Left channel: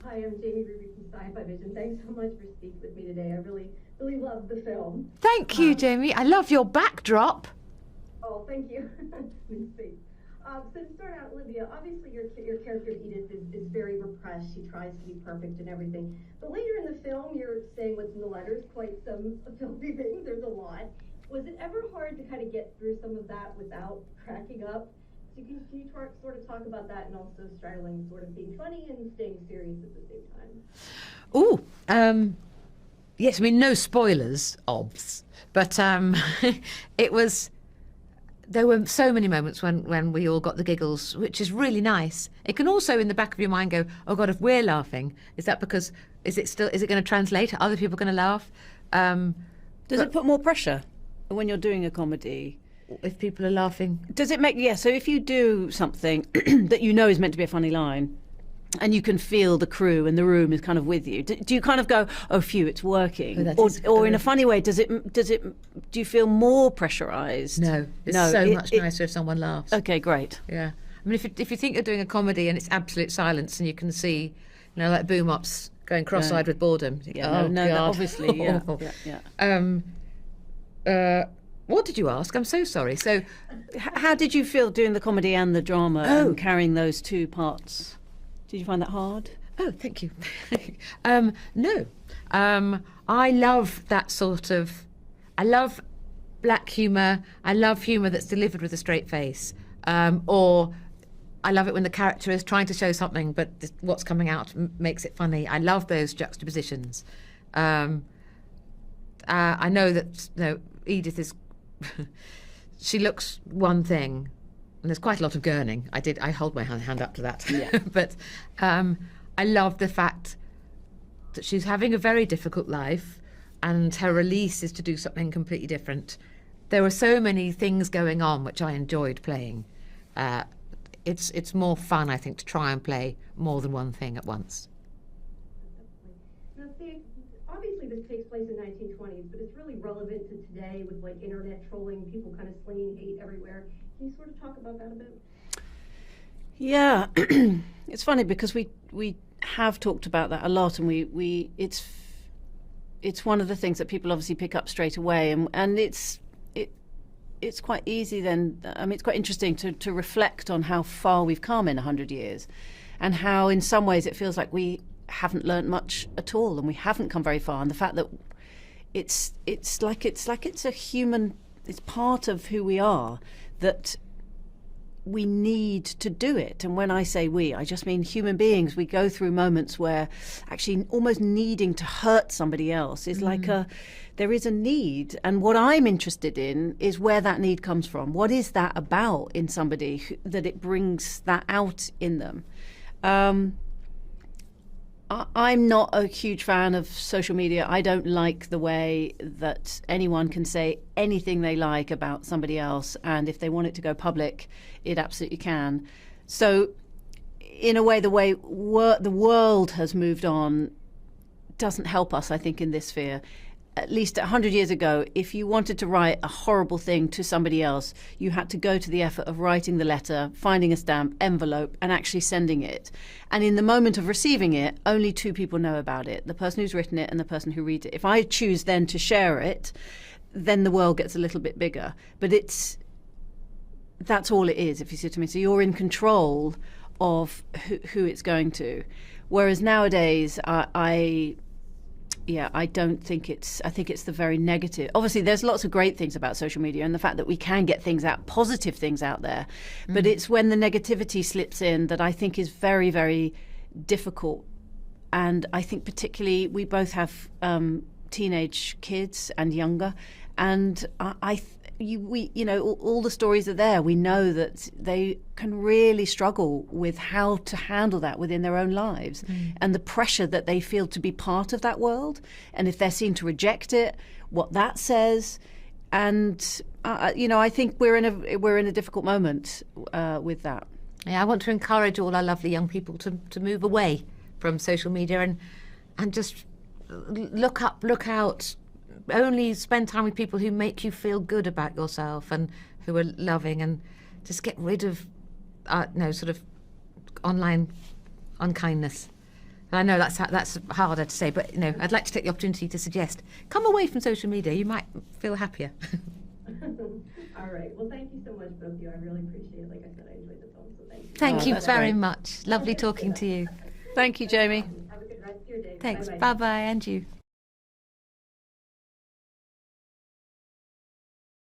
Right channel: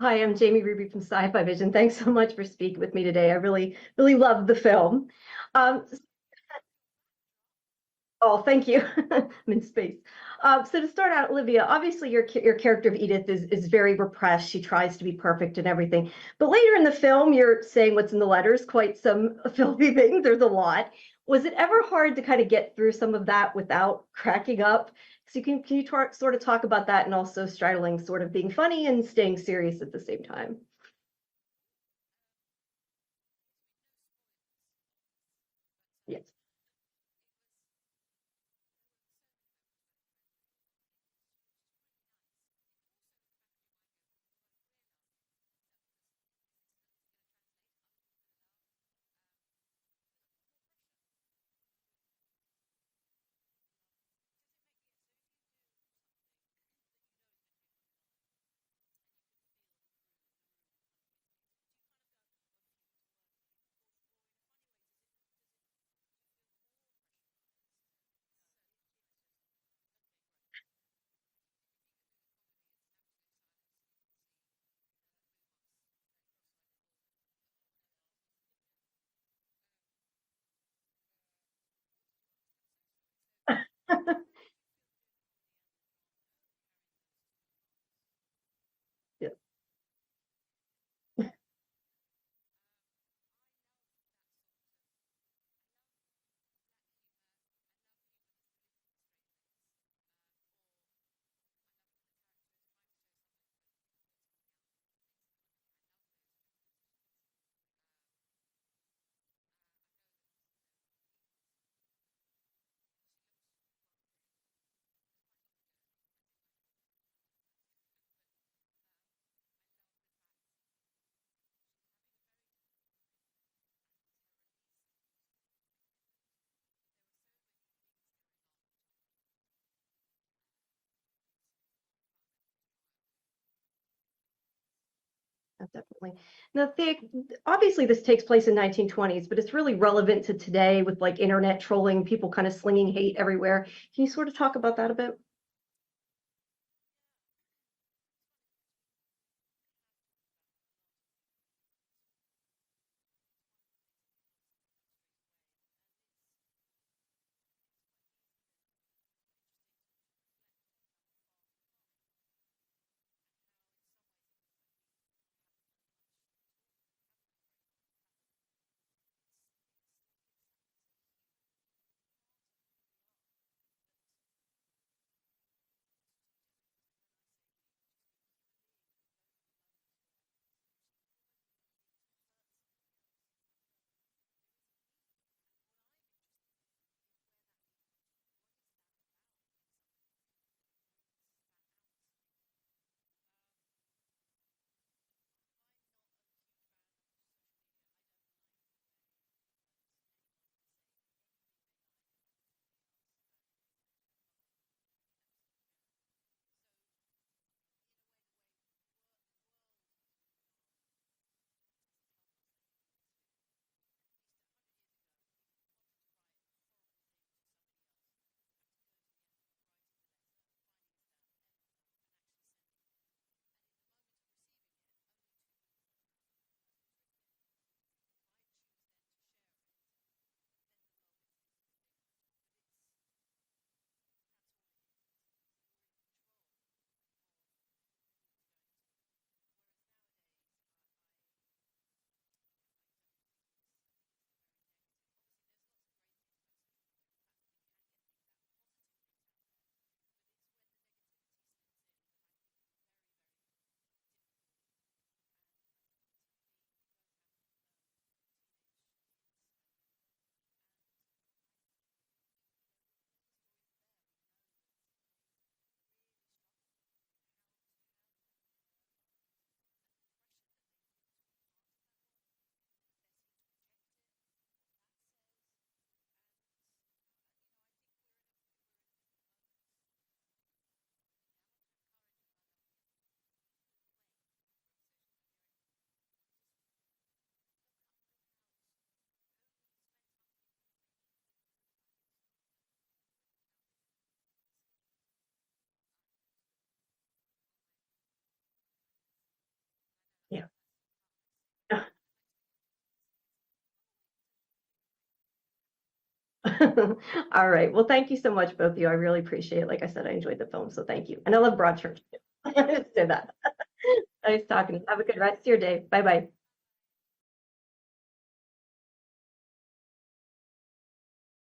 Hi, I'm Jamie Ruby from Sci-Fivision. Thanks so much for speaking with me today. I really, really loved the film. Thank you, Um, Jamie. I love your backdrop. oh, thank you. I'm in space. So to start out, Olivia, obviously your character of Edith is very repressed. She tries to be perfect and everything. But later in the film, you're saying what's in the letters, quite some filthy things. There's a lot. Was it ever hard to kind of get through some of that without cracking up? So sort of talk about that and also straddling sort of being funny and staying serious at the same time? Oh, yes. I mean, no spoilers, obs, but it was. There were so many moments when we all got the giggles, which is really nice. It can also, in the back of your mind, go, "Oh God, if we're laughing, is that because is it going to translate? Are other people going to laugh?" Does it put more pressure when you're doing a comedy? If people are laughing, Does it make, yeah, so if you do something that you know is meant to be a funny line, and you can feel the crew and the room is kind of with you, do you kind of go, oh phew, it's working? Or in a funny way, do you feel more pressurized? no, it's much nicer if someone laughs. Okay, great. Yeah, I mean, if you think you're doing a comedy and it's absolute silence and you can see, like boom ups going cross-eyed with boredom. Yeah, Oh, no, God. obviously, yeah, What did you ask? I'm so sorry. So, How did you feel doing the comedy and the drama and carrying those two parts? Did you find that hard? oh, thank you. No, I love that sort of. I love black humour. I love humour that's delivered with a straight face. Or I love it when the character is trying to show something, but what's coming out makes it funny. I love those juxtapositions. I know that Edith is. She looks one thing, and there's quite a lot of gurning. I hold my hand up to that. Yeah. But I love the fact that she's having a very difficult life, and her release is to do something completely different. There were so many things going on which I enjoyed playing. It's more fun, I think, to try and play more than one thing at once. Definitely. Now, obviously, this takes place in 1920s, but it's really relevant to today with like internet trolling, people kind of slinging hate everywhere. Can you sort of talk about that a bit? Yeah, it's funny because we have talked about that a lot, and it's one of the things that people obviously pick up straight away, and it's quite easy then. I mean, it's quite interesting to reflect on how far we've come in 100 years, and how in some ways it feels like we haven't learnt much at all, and we haven't come very far. And the fact that it's like it's a human, it's part of who we are, that we need to do it. And when I say we, I just mean human beings. We go through moments where actually almost needing to hurt somebody else is there is a need. And what I'm interested in is where that need comes from. What is that about in somebody that it brings that out in them? I'm not a huge fan of social media. I don't like the way that anyone can say anything they like about somebody else, and if they want it to go public, it absolutely can. So, in a way, the world has moved on doesn't help us, I think, in this sphere. At least 100 years ago, if you wanted to write a horrible thing to somebody else, you had to go to the effort of writing the letter, finding a stamp, envelope, and actually sending it. And in the moment of receiving it, only two people know about it, the person who's written it and the person who reads it. If I choose then to share it, then the world gets a little bit bigger. But that's all it is, if you see what I mean. So you're in control of who it's going to. Whereas nowadays, I don't think I think it's the very negative. Obviously, there's lots of great things about social media and the fact that we can get things out, positive things out there. But it's when the negativity slips in that I think is very, very difficult. And I think particularly we both have teenage kids and younger. And all the stories are there. We know that they can really struggle with how to handle that within their own lives, and the pressure that they feel to be part of that world. And if they're seen to reject it, what that says. And I think we're in a difficult moment with that. Yeah, I want to encourage all our lovely young people to move away from social media and just look up, look out. Only spend time with people who make you feel good about yourself and who are loving, and just get rid of sort of online unkindness. I know that's harder to say, but I'd like to take the opportunity to suggest come away from social media. You might feel happier. All right. Well, thank you so much, both of you. I really appreciate it. Like I said, I enjoyed the film, so thank you. Thank you very much. Lovely talking to you. Thank you, Jamie. Have a good rest of your day. Thanks. Bye-bye. Bye-bye, and you.